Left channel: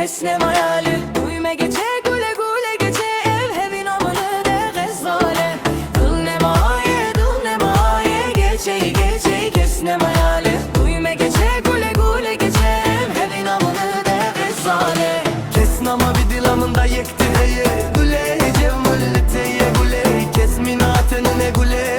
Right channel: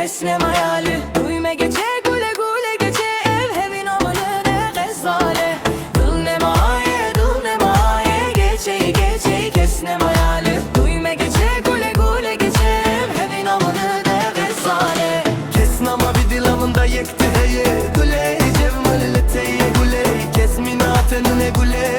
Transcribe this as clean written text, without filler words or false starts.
kesnem hayali. Duyme geçe gule gule geçe ev hevin amalı de gazale. Dıl ne maye geçe geçe kesnem hayali. Duyme geçe gule gule geçe ev hevin amalı de gazale. Kesnama bir dilamında yekti heye Gule cev müllete ye gule Kesminatını ne gule